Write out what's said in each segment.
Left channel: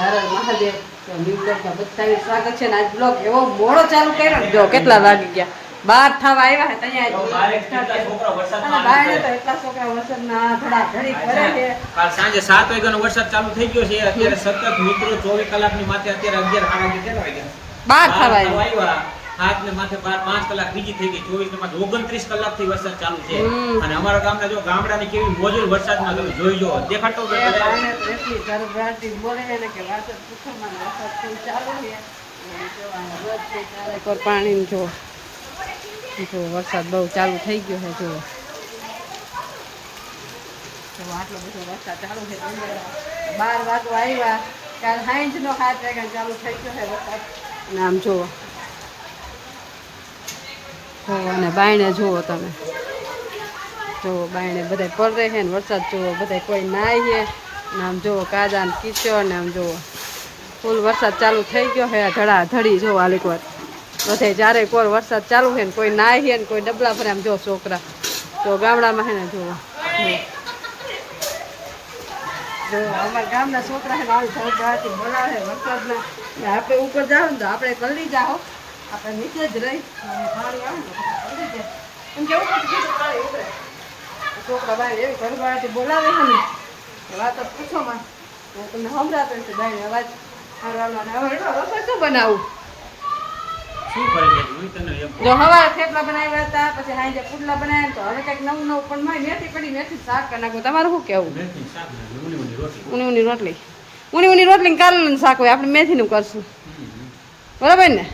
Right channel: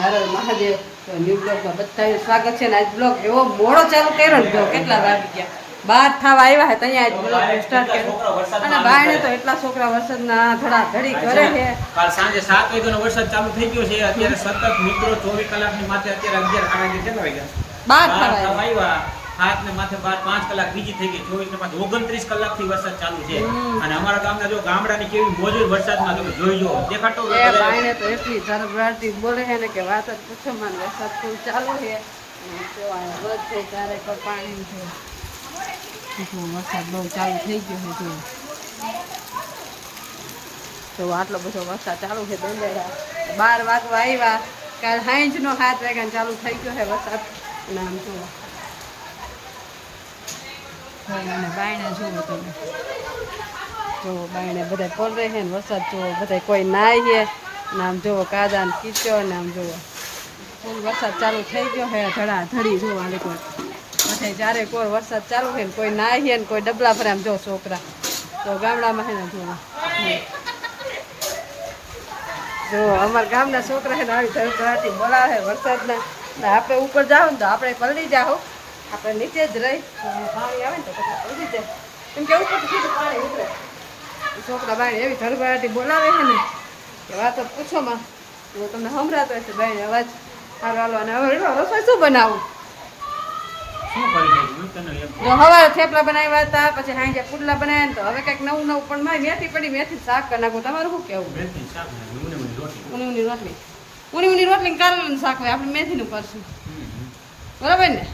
હર હર મહાદેવ. તો ન્યૂ બ્લોગમાં બધાનું સ્વાગત છે. ને આજ બ્લોગ એવો મોડો ચાલુ કર્યો ને, જો કેટલા વાગી ગયા 12 થવા આવ્યા હતા અહીંયા આજ બ્લોગ સ્ટાર્ટ કર્યો. અને બાયણે તો એટલા છોકરા વરસાદના ધડાધડી કરે છે. કાલ સાંજે 7 વાગ્યાનો વરસાદ ચાલુ થઈ ગયો છે. અત્યારે સતત મિત્રો 24 કલાકની માથે અત્યારે 11 કેટલા વાગ્યા 12 થવા આવ્યા. હાથ ને માથે 5 કલાક બીજી થઈ ગઈ. 24 ને પાછું 29 કલાકથી વરસાદ ચાલુ છે. અને અમારા ગામના જો ગામડાની કેવી મોજુર વરસાદમાં તમે જોઈજો દેખાતો એ બાયણે તો એટલી ધરભરાટી બોલે છે ને કે વાત જ પૂછો માં. વરસાદ ફૂલ ચાલુ છે. જો અહીંયા રોજ છે ત્યારે કોઈ પાણી જો વરસાદ બહુ ચાલુ થઈ ગયો છે. જો આટલો બધો વરસાદ ચાલુ છે. 12 વાગવા આવ્યા. કાલ સાંજનો 7 વાગ્યાનો ચાલુ થઈ ગયો છે વરસાદ. નામ જુઓ અને બાયણે જુઓ તમે, જુઓ બાયણે બધા પડે છે ને વરસાદ જુઓ બધા કોઈ નાય છે ને. આમ જુઓ કાદા ને કીચો ને આમ જુઓ ફૂલ વરસાદ ચાલુ થઈ ગયો છે. ધડાધડી જો આલીક વાર બધા જ્યારે કોર વરસાદ ચાલુ છે ને કોઈ નાય છે ને કોઈ ડબલા ભરે. આમ જો છોકરા તો ગામડામાં છે ને જુઓ જો અમારા ગામના છોકરા છે ને આવી ધડધડાટી બોલાવે વરસાદના. ને આપણે ઉપર જાઓ ને તો આપણે પલળી જાઓ, આપણે નીચે જ રહી પાણી આવે ને તો પછી પલળી જાય. એમ કે ઉપર સીધું પાણી ઉતરે. છોકરા બાય એવી ધડધડાટી બોલાવે છે ને વાતો પૂછો માં. તમને સંભળાતો હશે બાય અવાજ સારો હાલો. અને હવે રસોઈ શું બનાવું? શું કરી શકું તને એમ જો હવે થેપલા બનાવ્યા હતા, પછી હાંજે પુડલા બનાવ્યા ને તો હવે કંઈક નવું નવું. પણ મારી મેથી પડી, મેથી શાક કરી નાખું. તમારું શું કેવું? મેથી શાક ને ઊની રોટલી. ઊની રોટલી, ઊની રોટલી કારેલાનું શાક હોય. આપણે મેથીનું કરશું બરાબર ને?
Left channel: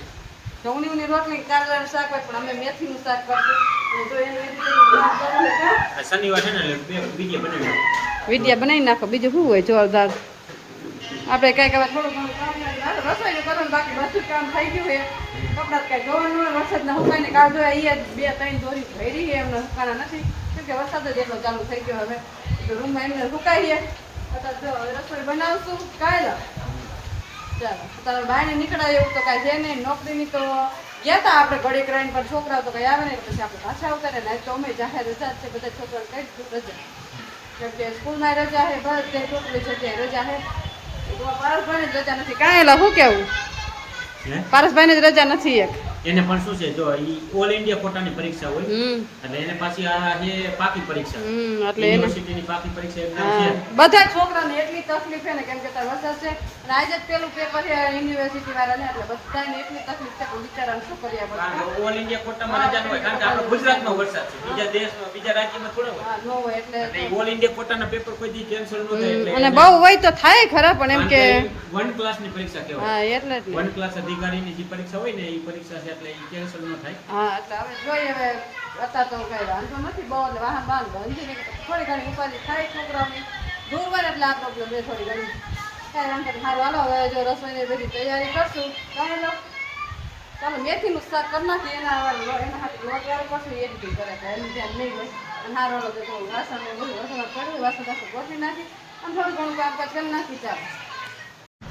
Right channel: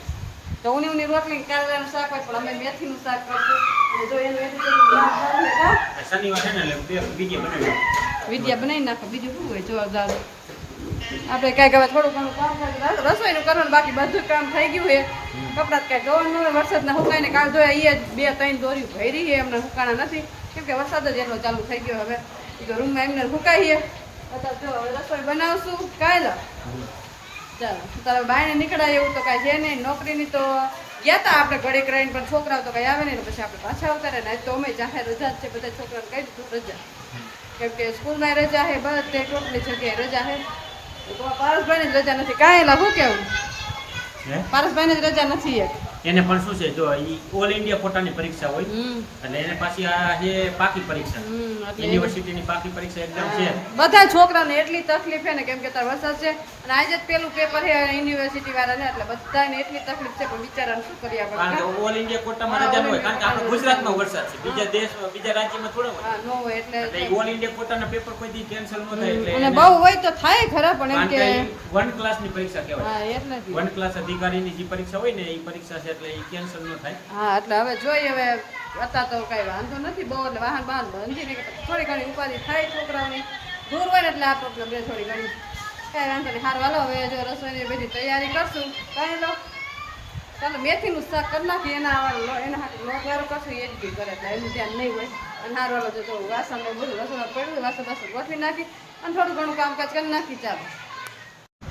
તો ઊની રોટલી કારેલાનું શાક હોય, પણ અમે મેથીનું શાક કરશું. અને જો એને શનિવાર છે ને એટલે બીજે બનાવી નાખો. વિદ્યા બનાવી નાખો. બીજું શું હોય જોરદાર. આપણે કાંઈક હવે થોડું ઘણું કામ કરવાનું, રસોઈનું કરવાનું, બાકી બધું કામ થઈ ગયું છે. કપડાં કાંઈ જોવાનું હોય વરસાદના હુકાઈને કાલ જોયા એ 2-3 દોરી ભરી છે. એમને હુકાણા નથી કેમ કે વરસાદ જ એટલો ચાલુ થઈ ગયો. હવે તો રૂમમાં એમને હુકાઈએ. અત્યારે જો હવે રસોઈ બનાવશું કાલે. ચાલો તારે બાયણે નીકળાય એવું તો કાંઈ છે નહીં. નોકરીની તો ગયા હતા આપણે ઘડીક રહીને, પણ છોકરાઓ તો કંઈ આવે નહીં. પછી આપણે પાછા ઉતારે ને. આજ તો અમે જાહેર રજા જ છે. બધા છોકરાને કહી દીધું રજા, કેમ કે સ્કૂલમાં રજા છે, બધે ટોટલી જગ્યાએ રજા છે. તમારા પારસભાઈને જ રજા નથી. કાંઈ એલા શું કેવું? પારસભાઈને જ રજા નથી એક. એને પણ શું છે જો ઈ ઓલ ઇન્ડિયા કોટાની પરીક્ષા હોય એટલે એને પાછી આ છે પાકી પરીક્ષા, એટલે યુનિવર્સિટીની પાકી પરીક્ષા એક્ઝામ છે. બધા છોકરાને એટલી તકલીફ છે ને, કેમ કે તાર વરસાદ છે અને આજે જ પેલું પેપર છે યુનિવર્સિટી વાળાને, એટલે બધાને એટલી તકલીફ છે. પણ બિચારાને શું કરી આપણે? ઓલ ઇન્ડિયા કોટામાં રજા હોય કારણ કે આપણે ગુજરાતનો વરસાદ છે, બીજા દેશમાં બીજા રાજ્યમાં થોડો હોય. હા નો હોય એટલે ઓલ ઇન્ડિયા કોટાના પેપર કોઈ દી કેન્સલ ન થાય. એટલે અને બહુ હોય તો થાય ખરા, પણ એમ કે વન ક્લાસની પરીક્ષા કહેવાય. હા એટલે જ વન ક્લાસ અધિકારીની જે પરીક્ષા હોય ને એ પરીક્ષા છે એટલે એ કેન્સલ ન થાય. હા એટલે હવે જોઈએ. હવે અત્યારે તો કઈ વાંધો નથી બહુ, એટલે વાહન બાહન બંધી ને થોડી ઘણી ઉપાધિ થાય છોકરાઓને. દૂર હોય ને એટલે આ પ્રોબ્લેમ રહે થોડી ઘણી. કાંઈ વાંધો નહીં. સારું હાલો હવે જો રસોઈની બધી તૈયારી કરશું. કાંઈ લો ચાલો મેથીનું શાક કરી નાખી. એના હાથે લોટ વાળું કરશું. એડિટિંગ કરે એટલે એનું ધ્યાન નહીં હોય. અને સારું હાલો જો વાસણ ને બધું રસોઈમાં પડ્યું, વાસણ ગોઠવી નાખી અને થોડું ઘણું કામકાજ કરી નાખી.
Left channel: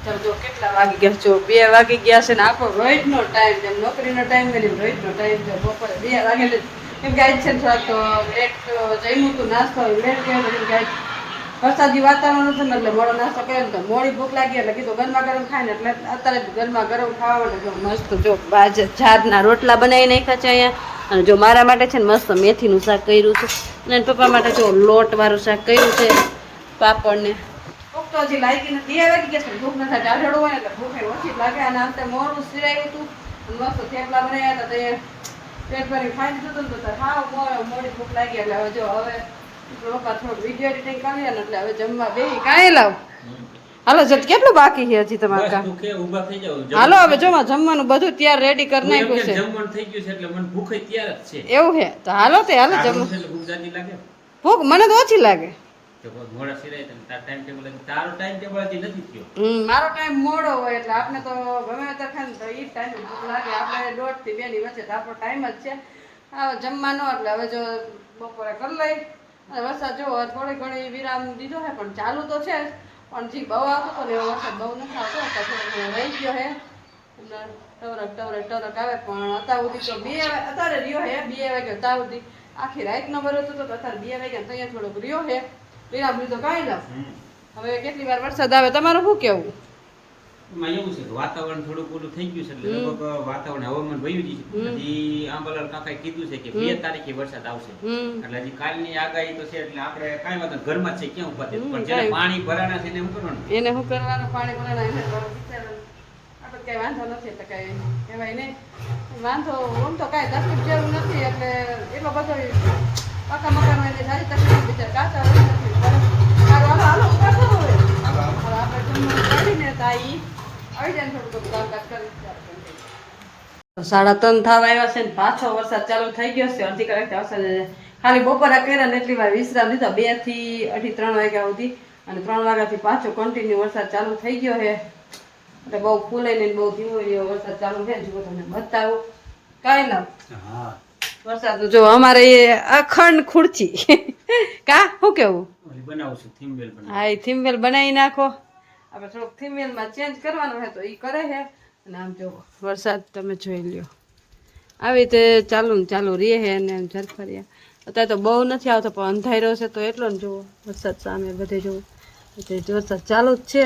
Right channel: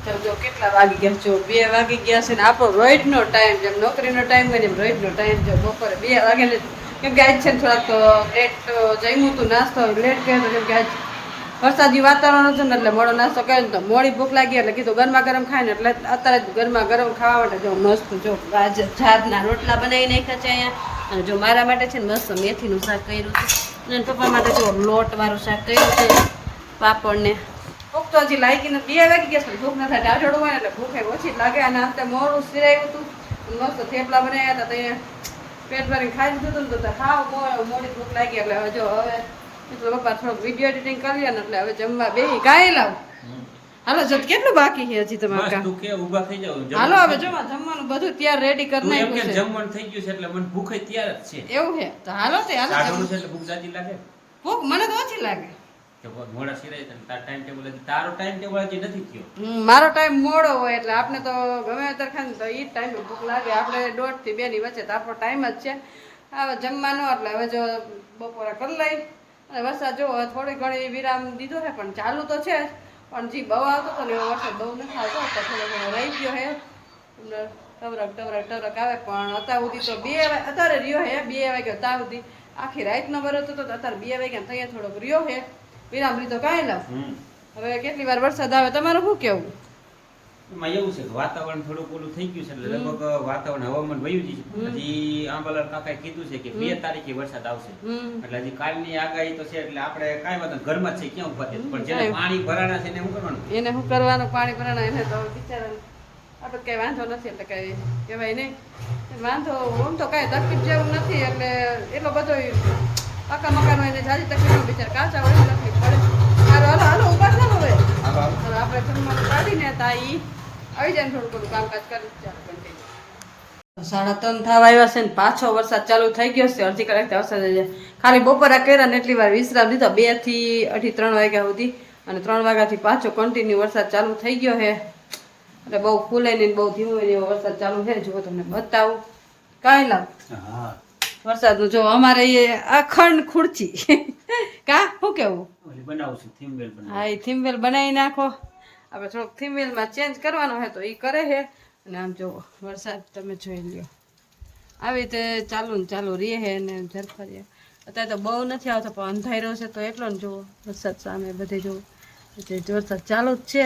ચાલો જો કેટલા વાગી ગયા? જો 2 વાગી ગયા છે ને. આપણો રોજનો ટાઈમ જેમ નોકરીનો ટાઈમ હોય ને એમ રોજનો ટાઈમ જો બપોરે 2 વાગે ને. કેમ કે આજ છે ને થોડાક તો લેટ જમ્યું હતું, નાસ્તો લેટ ગયો હતો. કેમ કે આજ વરસાદી વાતાવરણ હતું ને એટલે મોડો નાસ્તો કર્યો ને તો મોડી ભૂખ લાગી એટલે કીધું ગરમા ગરમ ખાય ને. એટલે અત્યારે જ ગરમા ગરમ ખાવા માટે જો મસ્ત જો ઝાડના રોટલા બનાવી નાખ્યા છે અહીંયા. અને જો મારા માટે છે ને મસ્ત મેથીનું શાક કર્યું છે. અને પપ્પા માટે જો લોટવાળું શાક કર્યું છે, પાપડ ને. ભૂખ તો હજી લાગી ને 2 વાગી ગયા છે. ભૂખ ના થાય ટાઢોડું હોય એટલે ભૂખ ઓછી લાગે. અને આમ તો મોડું સિરાયું હતું, મસ્ત થેપલા બનાવ્યા હતા તો એ પેટ ભરીને ખાઈ લીધું હતું ને તો હાવ મોડી ભૂખ લાગી. એટલે હવે જો હવે પપ્પા થોડોક વિડીયો એડિટિંગ કરી લે ને એટલે હવે જમવા બેહી. કાંઈ લાવ હાલો જો કેટલું બાકી છે હજી તમારે કામ? ઊભા થઈ જાવ. હાલો હવે જો જમવાનું બધું તૈયાર રેડી કરી નાખ્યું છે. જમવાનું થઈ ગયું છે એટલે મને ભૂખ તૈયાર જ છે. એવું છે તો હાલો તે હાલો જમવાનું. એટલે ભૂખ જાજી લાગે? ભૂખ મને તો ઓછી લાગે. મોડા સિરાય તાર ટાઈમ ટેબલ તારો ટાઈમ ટેબલ હજી નથી થયો. મારો ટાઈમ મોડો હોય એટલે આપણે તો ગમે ત્યારે ખાય ને તો એ ટાઈમ ભૂખ લાગે. આપણે 1:30 થી 2 ની વચ્ચે તો આપણો ટાઈમ જ છે હવે જમવાનો. એટલે હવે જો બપોરે કરી લઈ. અને વરસાદ જો થોડી ઘણી વિરામ દીધો છે પણ ચાલુ તો છે જ. પણ જે બહુ આવતો હતો ને એવો વરસાદ બહુ નથી આવતો. થોડો ઘણો રહી ગયો છે એમને ટવરક આવે. પણ અત્યાર સુધી તો 2 અત્યારે રહ્યો છે 2 વાગ્યા ત્યાં સુધી. આખી રાતનો વરસ હતો તો અત્યારે 2 વાગ્યા ત્યાં થોડોક રહ્યો છે વિરામ લીધો. કાંઈ લાવ હવે કેટલી વાર વરસાદ આવે તમારું શું કેવું? એમાં એવું છે કે વાતાવરણ થોડુંક ઓલું થઈ ગયું છે એટલે લગભગ વાતાવરણ હવામાન વયું જ છે. હજી આંબાલાલ કાકાએ કીધું છે કે 2 તારીખે વરસાદ આવશે. એટલે હજી કાલની આગાહી તો છે એટલે આપણે કાંઈ વાત નથી, ઘરમાં જ છે, ક્યાં ઉભા થયા. પણ જેને પાણી ભરાણા છે એને શું કરવાનું? એને શું કરવાનું? પાણી ભરાણા એને તો બિચારાને આપણે કઈ વાંધો નથી એટલે કઈ કહેવાય નહીં. વાંધો આમ તો કાંઈ તકલીફ જેવું નથી એટલે એટલો બધો પાકા મકાનો એને જાજી તકલીફ બિચાર કાચા હોય તકલીફ પડે. સારું હાલો હાલો ઉભા થાવ હવે. હાલો આપણે જમવાનું કાઢીને તાઈ આવી જાય ને થોડું બધું કામકાજ કરી. ચાલો કન્ટિન્યુ. 3:30 થવા આવ્યા છે ને પાછો વરસાદ ચાલુ થઈ ગયો છે. અડધી કલાક વરસાદ ખાલી બપોરા કર્યા ને એટલી વાર વિશ્રામ લીધો 2 થી 2:30 વાગ્યા સુધી અને 3 વાગ્યાથી પાછો કન્ટિન્યુ વરસાદ ચાલુ થઈ ગયો છે. એટલે બહુ ફૂલાઈને બહુ ધીમો એવો વરસાદ ચાલુ છે. જુઓ તમને બતાવું કાંઈ લાવ વરસાદનું જો અમારે અખંડ ખુરચી કા શું કેવું બનાવશું થીમવેલ. હા એ થીમવેલ બનાવી નાખો. આપણે થોડોક થીમવેલમાં ચેન્જ કરવાનો હોય તો એ કરે છે. અને આમ જો વરસાદ તમે જોઈ લ્યો આવી રીતે ચાલુ ને ચાલુ રહે છે અને ઝરફરિયા. અત્યારે તો બહુ નથી આવતો પણ અંધારો છે તો એટલો ને જુઓ વરસાદ સામે બધે જુઓ વરસાદ ચાલુ જ છે.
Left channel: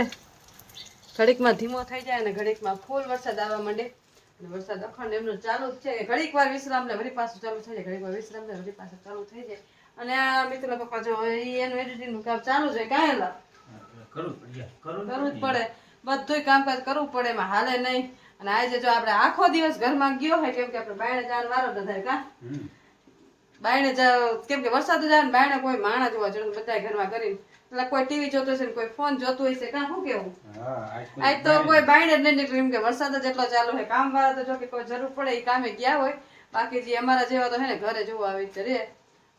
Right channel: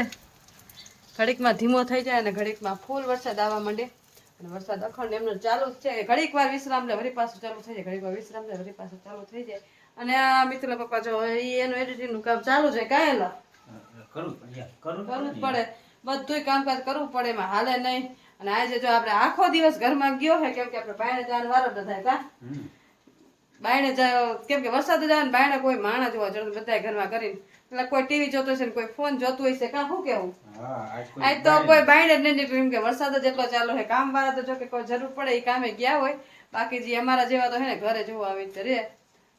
ઘડીકમાં ધીમો થઈ જાય અને ઘડીકમાં ફૂલ વરસાદ આવવા માંડે અને વરસાદ અખંડ એમનો ચાલુ જ છે. ઘડીક વાર વિશ્રામ લે વળી પાછું ચાલુ થઈ જાય, ઘડીક વાર વિશ્રામ લે વળી પાછું ચાલુ થઈ જાય. અને આ મિત્ર પપ્પા જો એનું એડિટિંગનું કામ ચાલુ છે. કાંઈ લા કરવું જ પડે, બધું કામકાજ કરવું પડે, એમાં હાલે નહીં. અને આજે જો આપણે આખો દિવસ ઘરમાં ગયો હોય કેમ કે આપણે બાયણે જવાનો વારો ન થાય. કા બાયણે જાવ કેમ કે વરસાદ જ આવે ને બાયણે કોઈ માણસ જોવા જરૂર બધા ઘરમાં કરીને એટલે કોઈ ટીવી જોતું હશે ને કોઈ ફોન જોતું હશે. કાં શું કેવું આજ તો કોઈ બાયણે જ નહીં નીકળ્યું કેમ કે વરસાદ જ એટલો ચાલુ છે. કામ વાળા તો જો કે કોઈ જરૂર પડે એ કામે ગયા હોય, બાકી જે અમારા જેવા તો હે ને ઘરે જોવા આવી રીતે રે.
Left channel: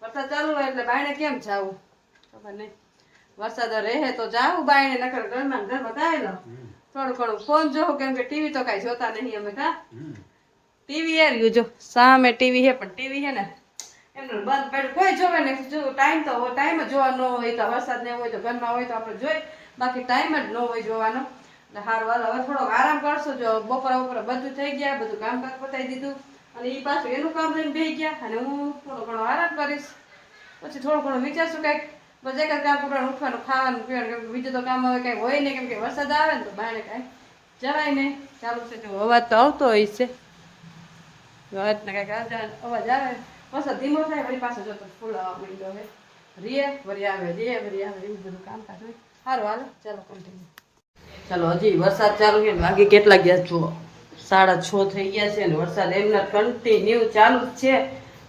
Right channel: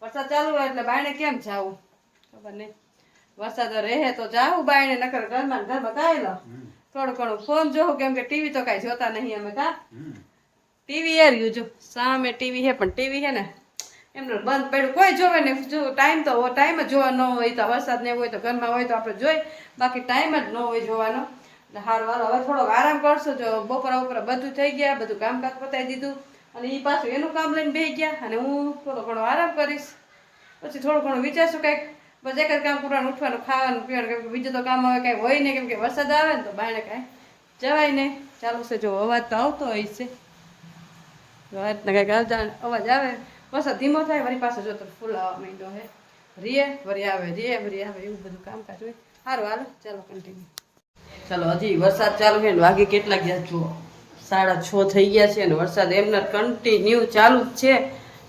વરસાદ ચાલુ હોય એટલે બાયણે કેમ જાવું ખબર નહીં. વરસાદ રહે તો જાવું બાયણે, નકર ઘરમાં કાંઈ લો થોડું ઘણું ફોન જોવું કેમ કે ટીવી તો કાંઈ જોતા નહીં અમે. કાં ટીવી એ રહ્યું જો સામે ટીવી છે પણ ટીવી છે ને એમનું બંધ પડ્યું, કોઈ જોવે નહીં. જો ટાઈમ તો ટાઈમ જ જોવા ન હોય તો વરસાદ નહીં હોય તો ઘરમાં હોય તો આપણે જોઈ, બાકી ટાઈમ જ ન હોય જોવાનો. એટલે સારું હાલો હવે થોડોક આરામ કરશું. જો બપોરા બધું થઈ ગયા, બધું કામકાજ પતાવી દીધું અને એ પાછું એનું કામ લઈને બેસી ગયા અને હું થોડો ઘણો આરામ કરીશ. પછી થોડું ઘણું વિચારશું કંઈક બસ એક જ કામ કરવાનું, ઉઠવાનું, ખાવાનું, પીવાનું, કેમ કે બીજું તો કામ હવે કાંઈ હોય નહીં કેમ કે વરસાદ આવે ને તો બાયણે કાંઈ જવાય નહીં. ચાલુ છે જો અવાજ તો આવતો હોય છે, અવાજને કંઈક આવતા અવાજ આવે. વરસાદ ધીમો થાય વળી પાછો જો તો ફૂલ આવવા માંડ્યો છે. રીએ વળી આવે એવું બધું કામકાજ હોય. સારું હાલો ચાલો કન્ટિન્યુ. ચાલો હજી વરસાદ ચાલુ છે ને વાગે કેટલા ગયા જુઓ 6:30 થઈ ગયા છે અને વરસાદ એમને કન્ટિન્યુ ચાલુ જ છે.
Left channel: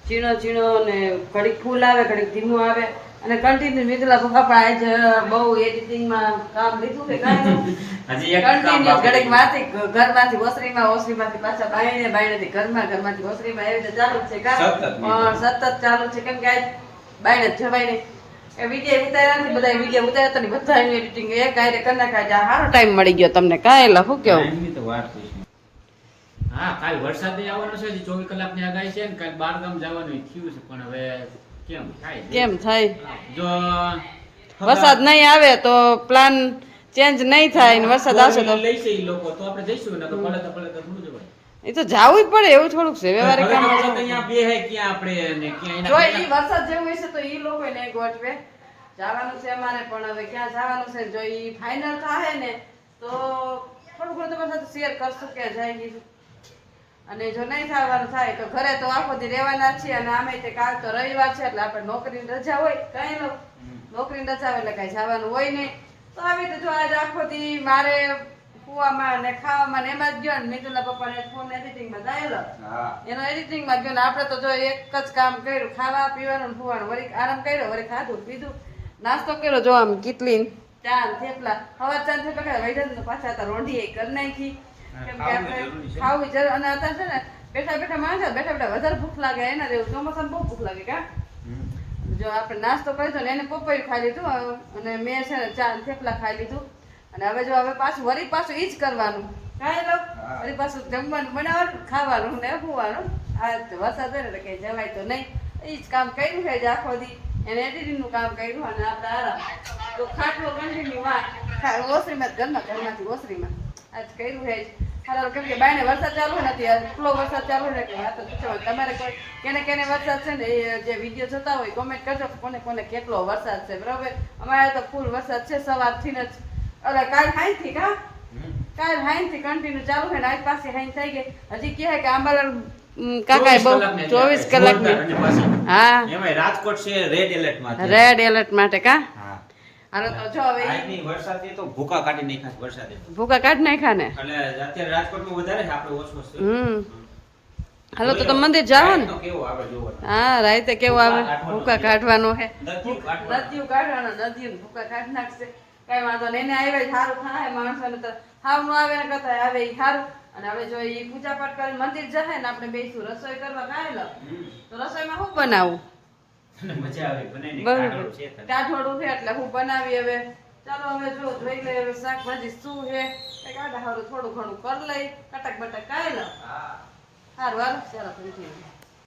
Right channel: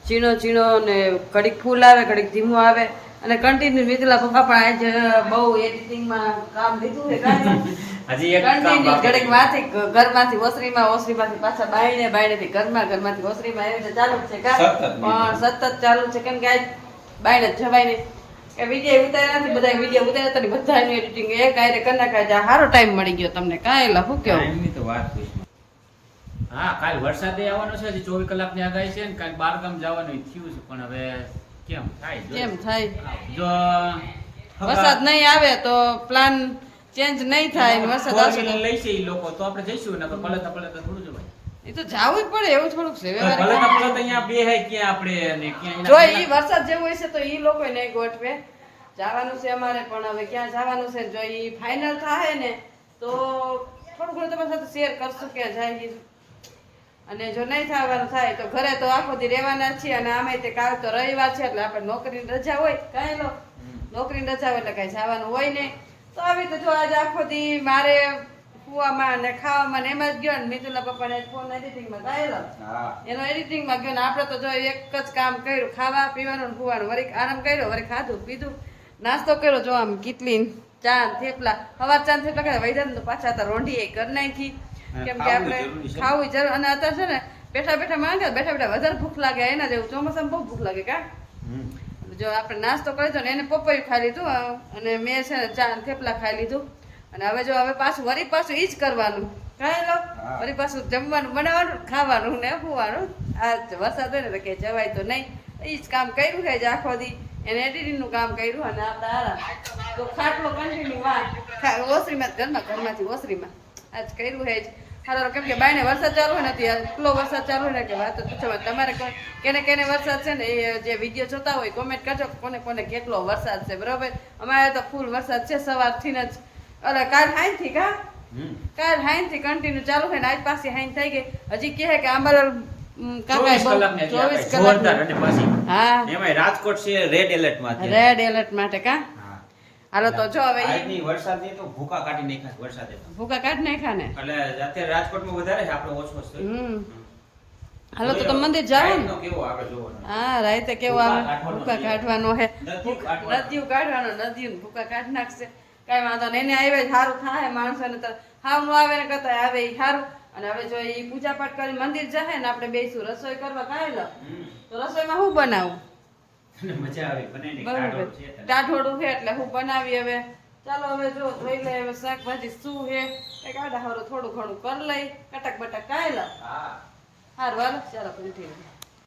ચીણો ચીણો ને ઘડીક ફૂલ આવે ઘડીક ધીમો આવે અને કન્ટિન્યુ. મિથિલા પપ્પા પણ આજે બહુ એડિટિંગમાં કામ લીધું છે. કન્ટિન્યુ ઘડીક માંથી ઘરમાંથી ઓસરીમાંથી પાછા બાયણેથી ઘરમાંથી ઓસરીમાં એવી રીતે ચાલુ જ છે. પણ સતત ચાલુ છે કેમ કે આજ બાયણે જ જવાય નહીં. એ વિડીયો ઉતાર્યા નથી, બધા વિડીયો ઉતાર્યા હતા ને બધા એનું એડિટિંગ એક આયરે કરી નાખાય. સારો ટાઈમ મળી ગયો તમને. કાંઈ લા શું કેવું? એમની તો વાત પૂછ. હા કાલ વરસાદ આવવાનો છે, 24 કલાકની આગાહી છે ને કાલ 12 ગામ જવાનું થયું છે પણ હવે કેમ થાય જો વરસાદ નહીં આવે તો પ્લાન ચેન્જ નહીં થાય ને વરસાદ આવશે તો લઈ છે એ લોકો તો આપણે જઈશું ને પલતા થોડું જવાય. એ તો જાવું જ પડે એવું થોડુંક છે વ્યવહારિક અહીંયા બે હે ક્યાં આપણે ને ક્યાં જો એ વરસાદ જેવું હોય છે તો એ લોકો નહીં ગોઠવે. જવાનું છે અમારે પણ હવે ક્યાં જવાનું છે જો એ ફાઇનલ થાય ને તો થોડું ઘણું તમારી સાથે શેર કરશું કે જાય. અને જો નહીં થવાનું થાય તો ઘરે તો આખો દી રહેવાના છીએ અને આમે તે કાલ તો રવિવાર છે એટલે આપણે નોકરીની રજા હોય. કાંઈ લો નોકરીની રજા હોય એટલે કાંઈ જવાનું હોય નહીં. તો આવી તો જો આજે આખો દી મારે કુવામાં ને ખાવામાં ને એમાં જ ગયો ને મિથુલા પપ્પાને ફોન એડિટિંગમાં ગયેલો એનો એડિટિંગમાં ગયો ને આપણે તો જો એક જ કામ કર્યું, ખાવા પીવાનું ફૂવાનું, વળી આરામ કર્યો, વળી ખાધું પીધું, નાસ્તો કર્યો. જો આમ કીટલી ચા થેપલા હવા ચા થેપલા કર્યા વૈધન તો પાછા હતા રોંઢી કરી નાખી કેમ કે આપણે ખાવું જરૂર. અને અત્યારે છે ને બેઠા માંગે વધારે ભૂખ લાગે એના જેવું ચોમાસામાં બહુ ભૂખ લાગે. કા જો આપણે નાસ્તો કરી દો ને એને પપૈયું ખાઈ લીધું અને મેં છે ને ચા થેપલા ખાઈ લીધું. અને હવે જો હવે વળી પાછું ઈ જ કરવાનું. કાંઈ લો વળી પાછું જમવાનું બનાવવાનું, ખાવાનું ને ફૂવાનું. આ વરસાદ હોય ને તો કે જવાય તો નહીં. એ જ કામ કર્યું છે આખો દી એને એડિટિંગનું કામ કર્યું અને આપણે આરામ તો ખાટલો કન્ટિન્યુ ઓસરીમાં ઘરમાંથી ઓસરીમાં આજ કર્યું છે જ. હાલો કેમ કે બાયણે વરસાદ ચાલુ હોય નથી એટલો વરસાદ ચાલુ હોય ને કે વાત જ પૂછો. તમારે કોઈ કેને વરસાદ છે ને એ જે વિડીયો જોતા હોય કોમેન્ટ કરજો કોને કેટલો વરસાદ છે. બરાબર અમારે તો ફૂલ વરસાદ છે સવારથી જ. અરે કાલ હાઈથી કા કાલ હાઈન થી કન્ટિન્યુ ચાલુ છે ને આજ પાછી હાઈન થઈ ગઈ હજી કહે કે આંબાલાલ કાકા બહુ 24 કલાકની હા એમાં રાજકોટ છે રેડ એલર્ટ માં રેડ એલર્ટ માટે કા હા હાલો તો જો હવે આજની વરસાદે તો ભૂકા કાઢી નાખ્યા છે વરસાદે તો ભૂકા કાઢ નાખ્યા ને એટલે અત્યારે રાજકોટમાં વધારે છે આપણે ઓછો છે હાલો તો તમે મંદિર જાઓ ને તો કેવો આપણે જોવાનું હા રાતે કેવો આવે ભૂકા કાઢવાનો છે નદીયું કાઢવાનું. નદીયું કાઢવાનો નદીયું ભૂકા કાઢી નાખશે કઈ વાંધો નહીં એને આવે સારું થાય માણસોને તો હાવ નું આવે ને કરતા આવે ઈ સારું અને હવે જો ઈ પૂજા પાઠ કરી મંદિર જાય ને આપણે બેસું રસોઈ કરવા કાંઈ લો તો રસોઈમાં શું બનાવું અને મજા આવે બનાવીને બરોબર કાઢવાનું છે તને. કાઠોડું છે એટલે હું બનાવી હવે ચાલો હવે જો જોઈ લે હવે શાકભાજી શું છે કઈક આડા હારું થોડું ઘણું કરી લઈ કટક બટક કાંઈ લો હા સારું હાલો ચાલો કંટીન્યુ